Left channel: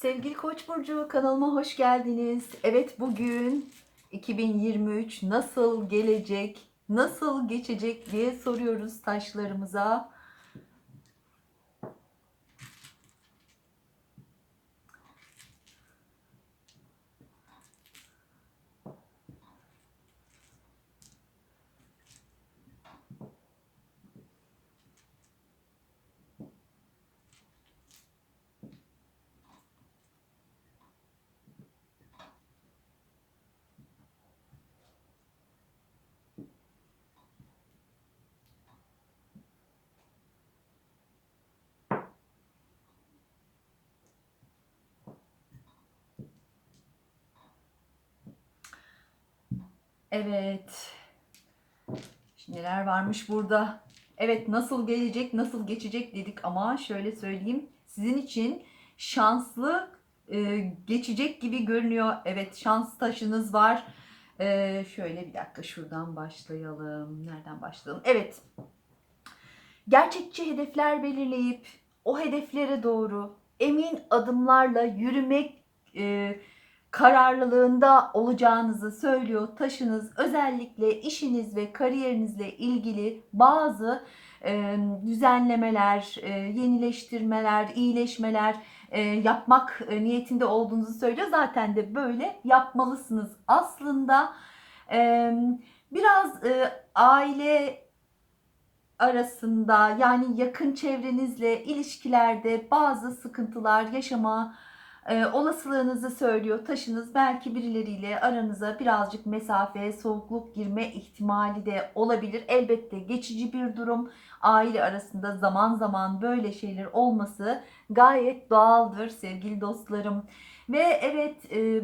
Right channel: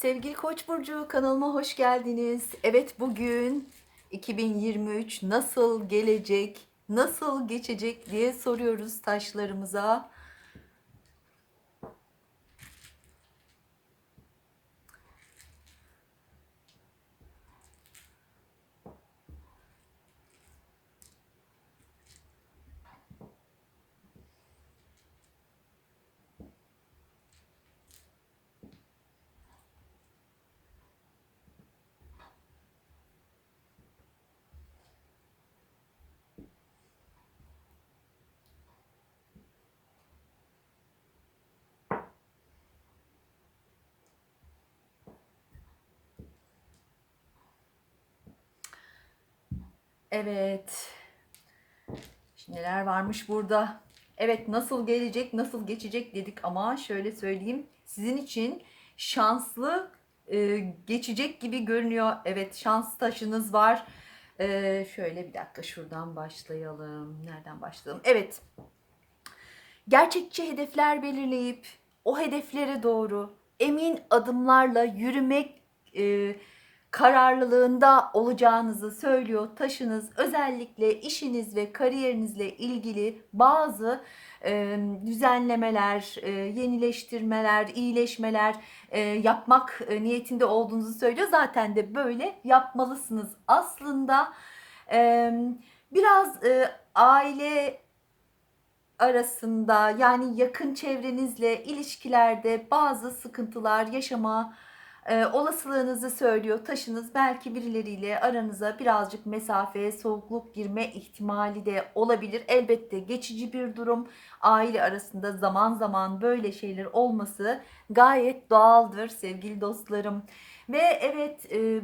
Sevgili Koç burcu kanalıma hoş geldiniz. Evet bugün 2023 nasıl gelecek, nasıl geçecek diye soruyoruz taşlarımıza. Evet. Şimdi neler varmış burada? Evet nasıl gelecek, nasıl geçecek dedik ama şöyle söyleyeyim. Sizin için şanslı e, geçecek gibi görünüyor. Evet şans taşınız var. E, şöyle bir dakika şuradan başlayalım. Nereden başlayalım? Evet. Gerçekçi hedefler belirleyip o hedeflere doğru emin adımlarla yürümek e, kararlılığında olacağınızı söylüyor. Taşınız özellikle işiniz ve kariyerinizle ilgili bazı e, düzenlemeler, e, yenileştirmeler, iyileşmeler e, yapmak e, niyetinde olduğunuzu söylüyor. Zaten de böyle yapmalısınız. Aslında e, biraz e, aile arasında yani yakın çevrenizle ilişkilerde bazı sıkıntılar yaşama e, olasılığınızı söylüyor. Taşınız belki birileriyle aranıza birazcık mesafe, soğukluk girme ihtimali de olabilir. Elbette geçici bir durum. Aile arasında zaman zaman böyle şeyler olması gayet doğaldır sevgili dostlarım. Ve evet e,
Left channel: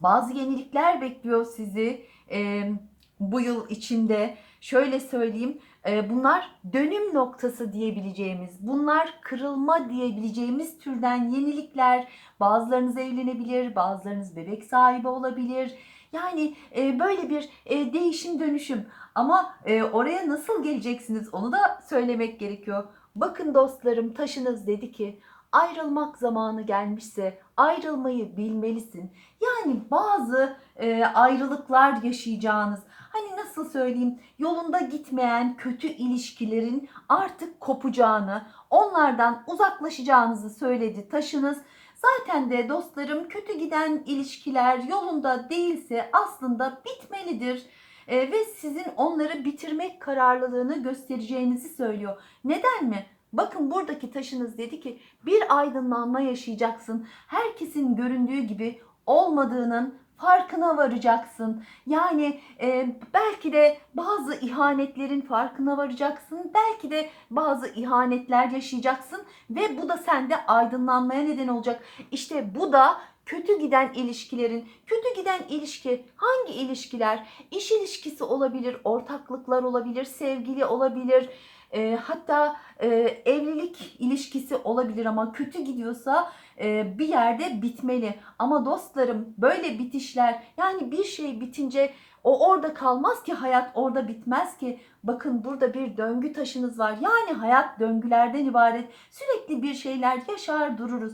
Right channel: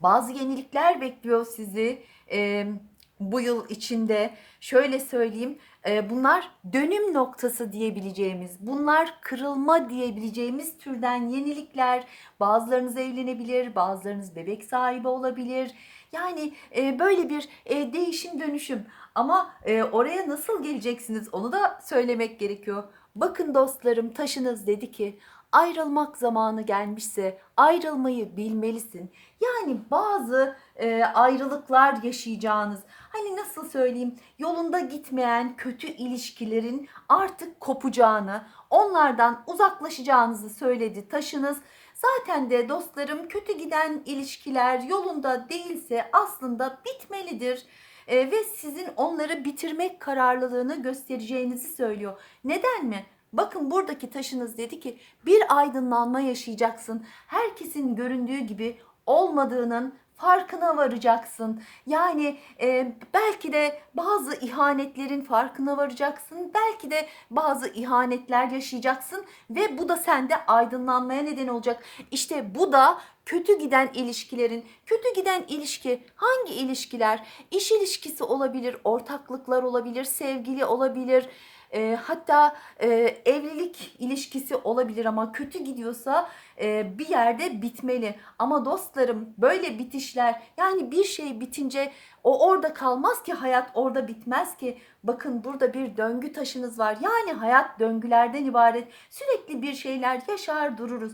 bazı yenilikler bekliyor sizi e, bu yıl içinde. Şöyle söyleyeyim e, bunlar dönüm noktası diyebileceğimiz, bunlar kırılma diyebileceğimiz türden yenilikler. Bazılarınız evlenebilir, bazılarınız bebek sahibi olabilir. Yani e, böyle bir e, değişim dönüşüm. Ama oraya nasıl geleceksiniz onu da söylemek gerekiyor. Bakın dostlarım taşınız dedi ki ayrılmak zamanı gelmişse ayrılmayı bilmelisin. Yani bazı e, ayrılıklar yaşayacağınız hani nasıl söyleyeyim yolunda gitmeyen kötü ilişkilerin artık kopacağını onlardan uzaklaşacağınızı söyledi taşınız. Zaten de dostlarım kötü giden ilişkiler yolunda değilse aslında bitmelidir. E, ve sizin onları bitirmek kararlılığını göstereceğinizi söylüyor. Neden mi? Bakın buradaki taşınız dedi ki bir aydınlanma yaşayacaksın. Herkesin göründüğü gibi olmadığının farkına varacaksın. Yani e, belki de bazı ihanetlerin farkına varacaksın. Belki de bazı ihanetler yaşayacaksın ve bu da sende aydınlanmaya neden olacak. İşte bu da kötü giden ilişkilerin, kötü giden ilişki hangi ilişkiler? İş ilişkisi olabilir, ortaklıklar olabilir, sevgili olabilir e, hatta e, evlilik ilişkisi olabilir ama kötü gidiyorsa e, bir yerde bitmeli. Ama dostlarım böyle bitişler yani bir şey bitince o orada kalmaz ki hayat orada bitmez ki. Bakın burada bir döngü taşınız var. Yani hayat döngülerden ibaret. Sürekli bir şeyler yaşar dururuz.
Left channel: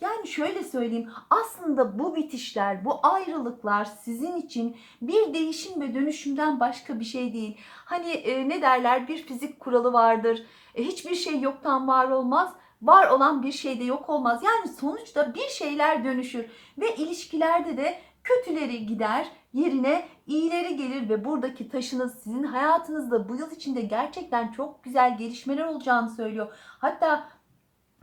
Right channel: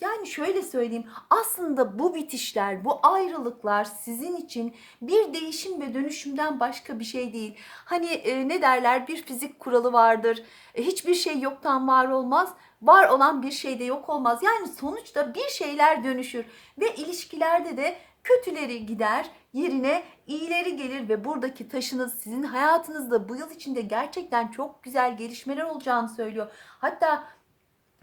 Yani şöyle söyleyeyim aslında bu bitişler, bu ayrılıklar sizin için bir değişim ve dönüşümden başka bir şey değil. Hani e, ne derler bir fizik kuralı vardır. E, hiçbir şey yoktan var olmaz. Var olan bir şey de yok olmaz. Yani sonuçta bir şeyler dönüşür ve ilişkilerde de kötüleri gider, yerine iyileri gelir ve buradaki taşınız sizin hayatınızda bu yıl içinde gerçekten çok güzel gelişmeler olacağını söylüyor. Hatta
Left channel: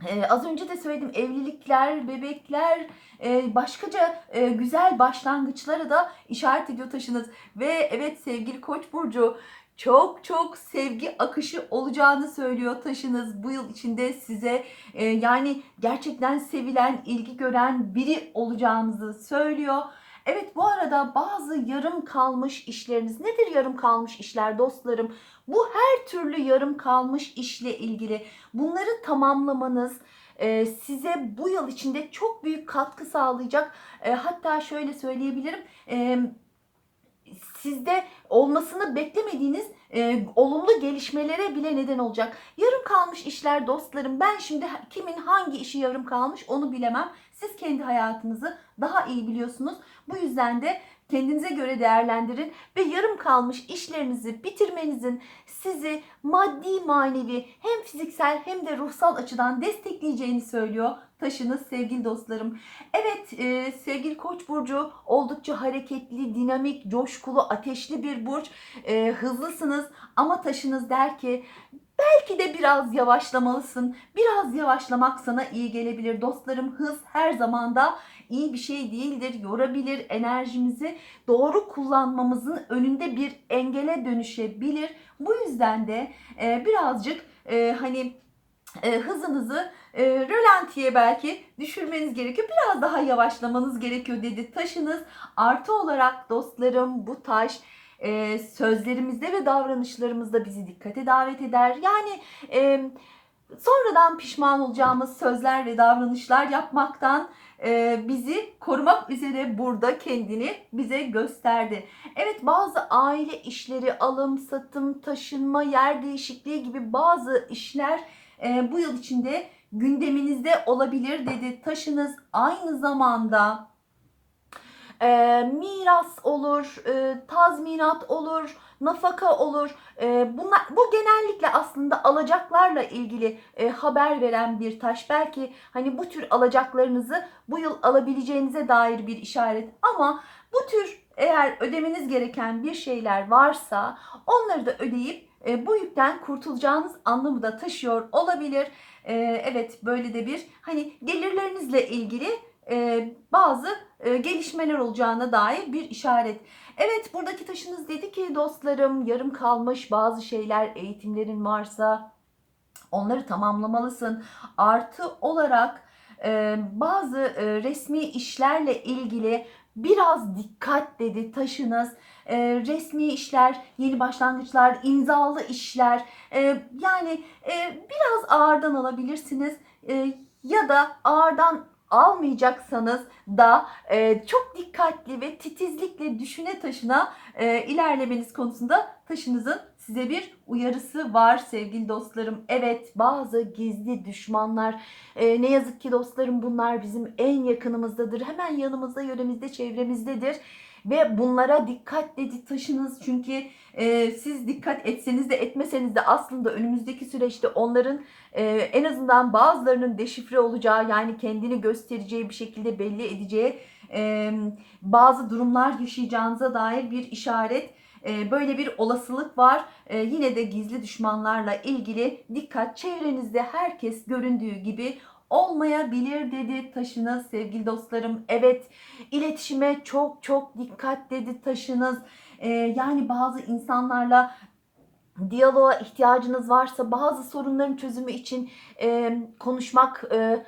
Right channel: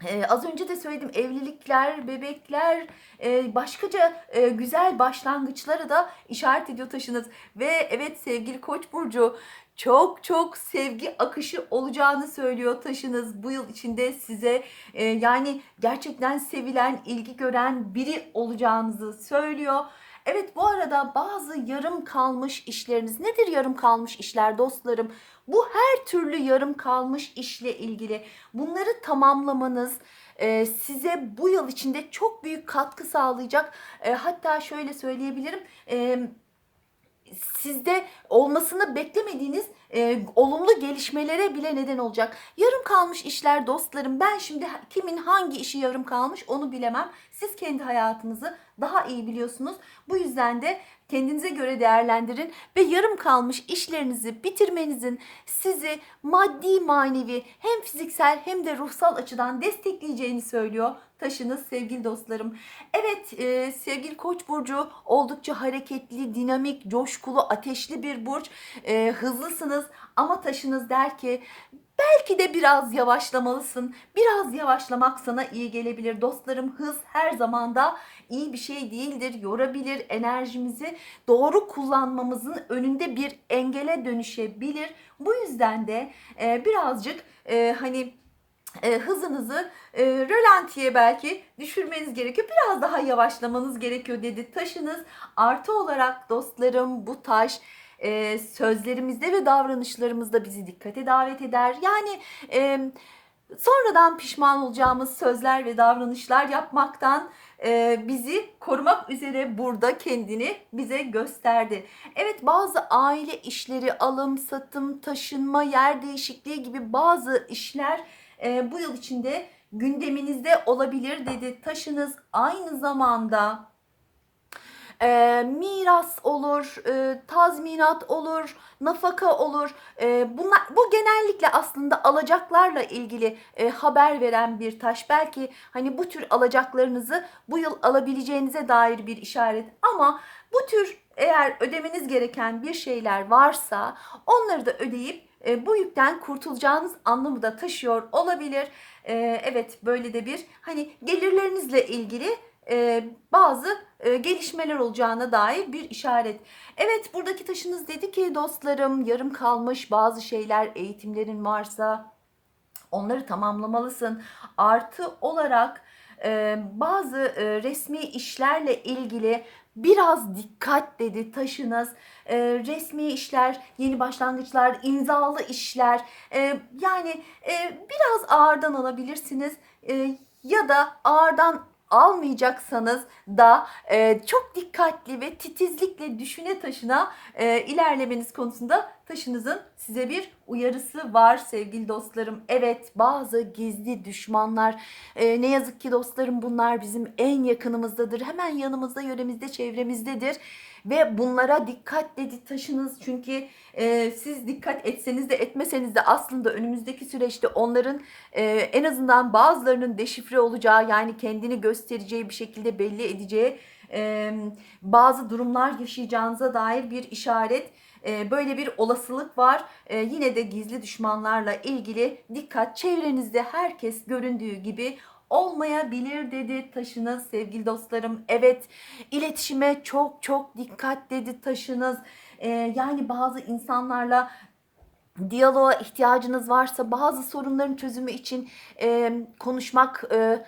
ee, az önce de söyledim evlilikler, bebekler, e, başkaca e, güzel başlangıçlara da işaret ediyor taşınız. Ve evet sevgili Koç burcu çok çok sevgi akışı olacağını söylüyor taşınız bu yıl içinde size e, yani gerçekten sevilen, ilgi gören biri olacağınızı söylüyor. Evet bu arada bazı yarım kalmış işleriniz nedir yarım kalmış işler dostlarım? Bu her türlü yarım kalmış işle ilgili bunları tamamlamanız e, size bu yıl içinde çok büyük katkı sağlayacak. E, hatta şöyle söyleyebilirim. Sizde olmasını beklemediğiniz e, olumlu gelişmelere bile neden olacak. Yarım kalmış işler dostlarım. Ben şimdi kimin hangi işi yarım kalmış onu bilemem. Siz kendi hayatınızı daha iyi biliyorsunuz. Bu yüzden de kendinize göre değerlendirin ve yarım kalmış işlerinizi bitirmenizin sizi maddi manevi hem fiziksel hem de ruhsal açıdan destekleyeceğini söylüyor taşınız sevgili dostlarım. Evet e, sevgili Koç burcu oldukça hareketli, dinamik, coşkulu, ateşli bir burç. E, hızlısınız ama taşınız der ki belki de biraz yavaşlamalısın. Biraz yavaşlamak sana iyi gelebilir dostlarım. Hız her zaman da iyi bir şey değildir. Yorabilir enerjimizi doğru kullanmamızın önünde bir engele dönüşebilir. Bu yüzden de e, birazcık e, hani e, hızınızı e, rölantiye belki düşürmeniz gerekiyor. Biraz daha yavaşlamanız gerekiyor dedi taşınız. Artı olarak dostlarım bu taş e, sözlerimizde ve davranışlarımızda bizi dikkate davet eder. Yani e, sonradan pişman olacağımız sözler ve davranışlar yapmaktan e, bizi korumak üzere burada kendini bize gösterdi. Evet bazı aile işleri, alım, satım, taşınma, yer değişikliği gibi bazı işler e, bu yıl içinde gündeminizde olabilir dedi. Taşınız aynı zamanda e, miras olur, e, tazminat olur, nafaka olur. E, bunlar bu genellikle aslında alacaklarla ilgili e, haber veren bir taş. Belki hani bu tür alacaklarınızı bu yıl alabileceğinize dair bir işaret. Ama bu tür eğer ödemeniz gereken bir şeyler varsa onları da ödeyip e, bu yükten kurtulacağınız anlamı da taşıyor olabilir. E, evet böyle de bir hani gelirlerinizle ilgili e, bazı e, gelişmeler olacağına dair bir işaret. Evet buradaki taşınız dedi ki dostlarım yarım kalmış bazı şeyler eğitimlerin varsa onları tamamlamalısın. Artı olarak e, bazı e, resmi işlerle ilgili biraz dikkat dedi taşınız. E, resmi işler, yeni başlangıçlar, imzalı işler e, yani e, biraz ağırdan alabilirsiniz. E, ya da ağırdan almayacaksanız da e, çok dikkatli ve titizlikle düşüne taşına e, ilerlemeniz konusunda taşınızın size bir uyarısı var sevgili dostlarım. Evet bazı gizli düşmanlar e, ne yazık ki dostlarım bunlar bizim en yakınımızdadır. Hemen yanımızda, yöremizde, çevremizdedir. Ve bunlara dikkat dedi taşınız çünkü e, siz dikkat etseniz de etmeseniz de aslında önümüzdeki süreçte onların e, en azından bazılarının deşifre olacağı yani kendini göstereceği bir şekilde belli edeceği e, bazı durumlar yaşayacağınıza dair bir işaret. E, böyle bir olasılık var. E, yine de gizli düşmanlarla ilgili dikkat çevrenizde herkes göründüğü gibi olmayabilir dedi taşınız sevgili dostlarım. Evet iletişime çok çok dikkat dedi taşınız. Ee, yani bazı insanlarla diyaloğa ihtiyacınız varsa bazı sorunların çözümü için e, konuşmak, e,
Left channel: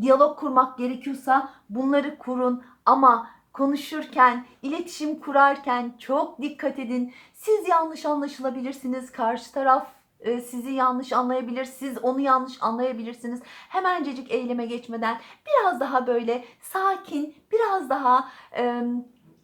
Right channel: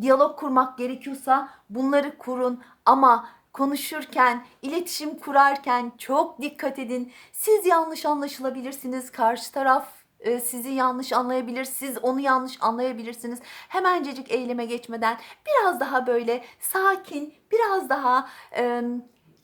diyalog kurmak gerekiyorsa bunları kurun ama konuşurken, iletişim kurarken çok dikkat edin. Siz yanlış anlaşılabilirsiniz. Karşı taraf e, sizi yanlış anlayabilir, siz onu yanlış anlayabilirsiniz. Hemencecik eyleme geçmeden biraz daha böyle sakin, biraz daha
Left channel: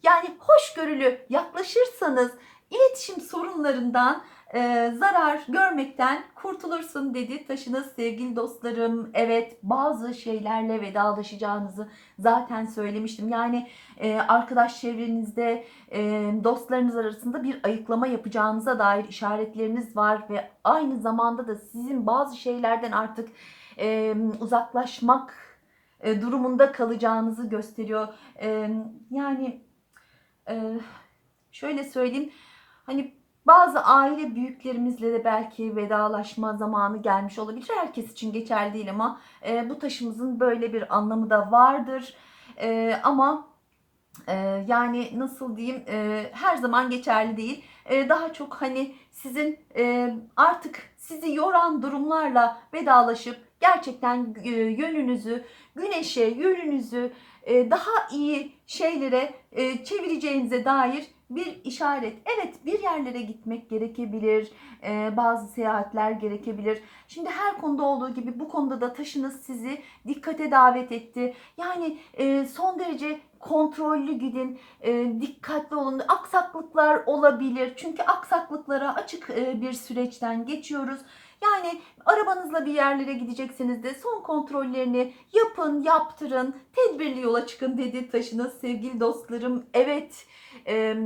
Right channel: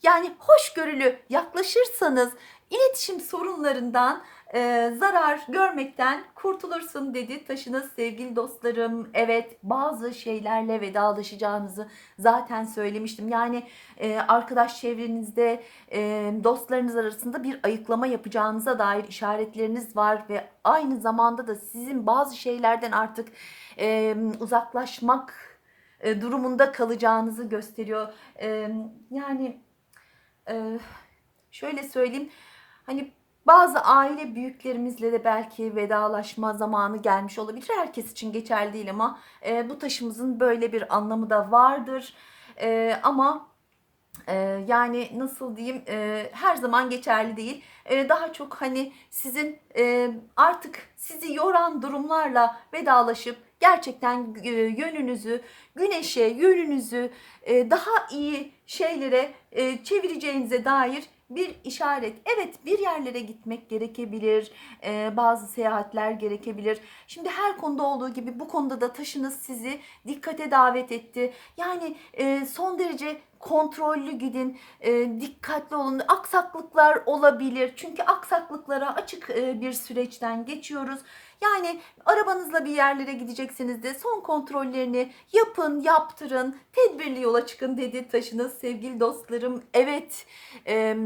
yani hoşgörülü yaklaşırsanız iletişim sorunlarından e, zarar görmekten kurtulursun dedi taşınız sevgili dostlarım. Evet bazı şeylerle vedalaşacağınızı zaten söylemiştim. Yani e, arkadaş çevrenizde e, dostlarınız arasında bir ayıklama yapacağınıza dair işaretleriniz var ve aynı zamanda da sizin bazı şeylerden artık e, uzaklaşmak e, durumunda kalacağınızı gösteriyor. E, yani e, şöyle söyleyeyim hani bazı aile büyüklerimizle de belki vedalaşma zamanı gelmiş olabilir. Herkes için geçerli değil ama e, bu taşımızın böyle bir anlamı da vardır. E, ama e, yani nasıl diyeyim e, her zaman geçerli değil. E, daha çok hani sizin e, artık sizi yoran durumlarla vedalaşıp gerçekten e, yönünüzü, güneşe, yönünüzü e, daha iyi şeylere e, çevireceğinize dair bir işaret. Evet bir yerlere gitmek gerekebilir. Ee, bazı seyahatler gerekebilir. Şimdi her konuda olduğu gibi bu konuda da taşınız sizi dikkate davet etti. Yani e, son derece kontrollü gidin, e, dikkatli olun. Aksaklıklar olabilir. Çünkü aksaklıklara açık e, bir süreçten geçiyoruz. Yani arabanızla bir yerlere gidecekseniz de son kontrollerini yapın, yaptırın, tedbirli yola çıkın dedi taşınız sevgili dostlarım. Evet, e,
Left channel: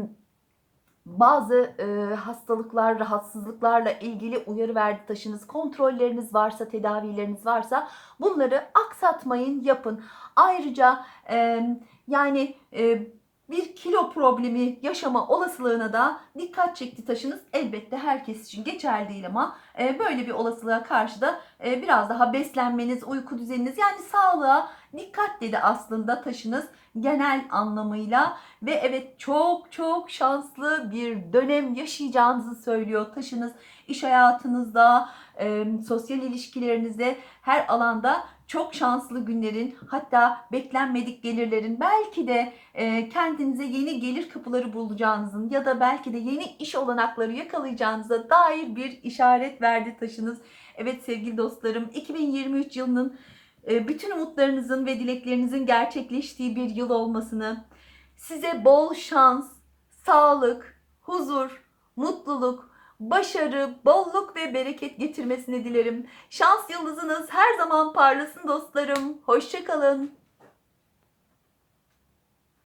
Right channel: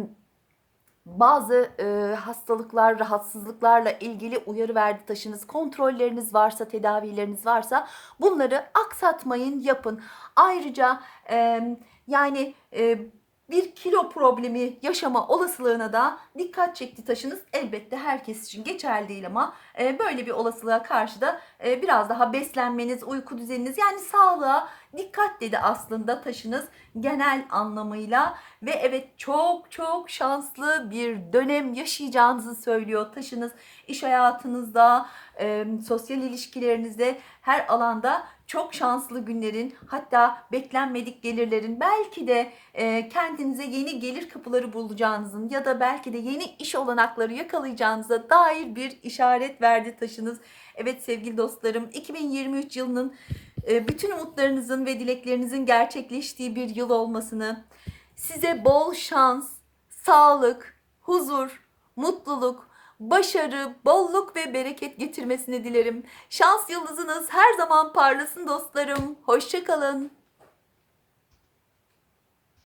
bazı e, hastalıklar, rahatsızlıklarla ilgili uyarı verdi taşınız. Kontrolleriniz varsa, tedavileriniz varsa bunları aksatmayın, yapın. Ayrıca e, yani e, bir kilo problemi yaşama olasılığına da dikkat çekti taşınız. Elbette herkes için geçerli değil ama böyle bir olasılığa karşı da e, biraz daha beslenmeniz, uyku düzeniniz yani sağlığa dikkat dedi aslında taşınız genel anlamıyla. Ve evet çok çok şanslı bir dönem yaşayacağınızı söylüyor taşınız. İş hayatınızda, e, sosyal ilişkilerinizde her alanda çok şanslı günlerin hatta beklenmedik gelirlerin belki de e, kendinize yeni gelir kapıları bulacağınızın ya da belki de yeni iş olanakları yakalayacağınıza dair bir işaret verdi taşınız. Evet sevgili dostlarım 2023 yılının e, bütün umutlarınızın ve dileklerinizin gerçekleştiği bir yıl olmasını, size bol şans, sağlık, huzur, mutluluk, başarı, bolluk ve bereket getirmesini dilerim. Şans yıldızınız her zaman parlasın dostlarım. Hoşçakalın.